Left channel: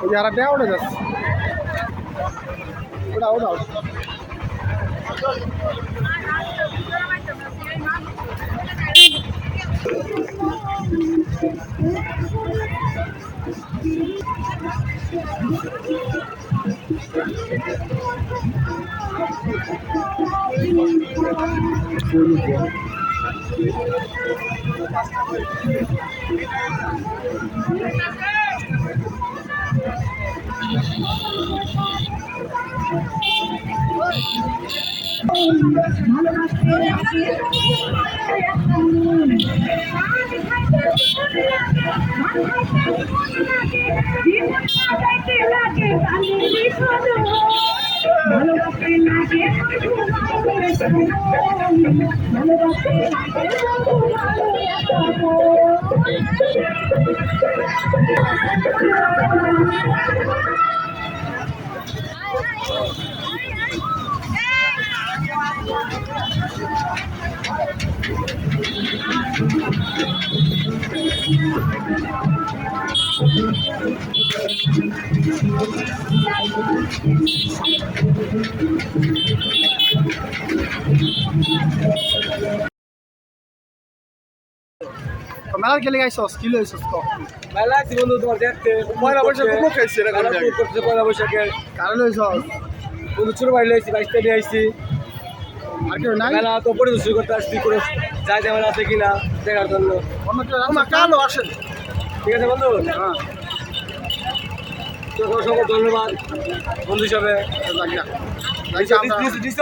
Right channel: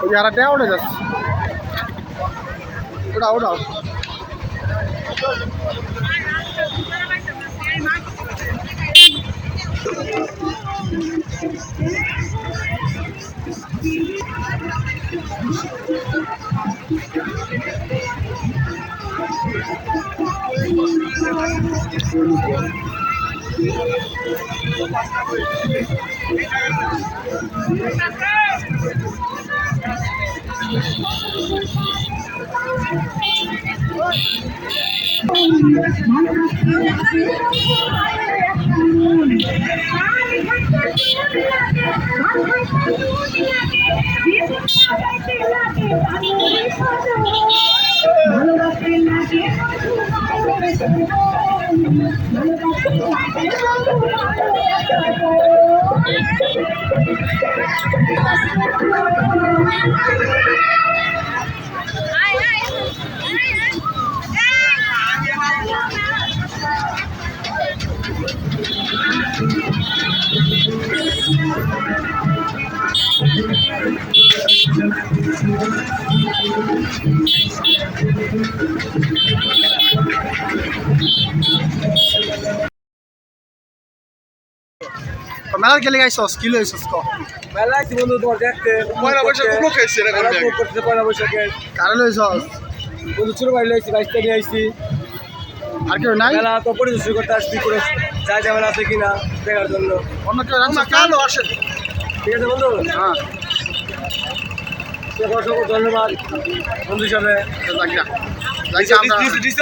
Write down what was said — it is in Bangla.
ওই যে হারাটা উঠে যাচ্ছে, ওটা ওটাও মেলার গেলে গাইছস কি লইছস ক মেলা আইছি বন্ধু তোমার দেখতে পয়লা বৈশাখ উপলক্ষে খাইছে রে মেলা করতে পয়লা বৈশাখে কারে লইছস বন্ধু ছোট ভাই লইছি 22 তারিখে আইছি আর কেউ নাই মেলা তো পরিদর্শন করতে আসছি করে যা যেমন আছে কিনা দেখার জন্য অন্য কেউ রাখছস কালো আসে ঠিক আছে বন্ধু হ্যাঁ তো অসংখ্য ধন্যবাদ বন্ধু হিসাবে যাক আমরা দিছ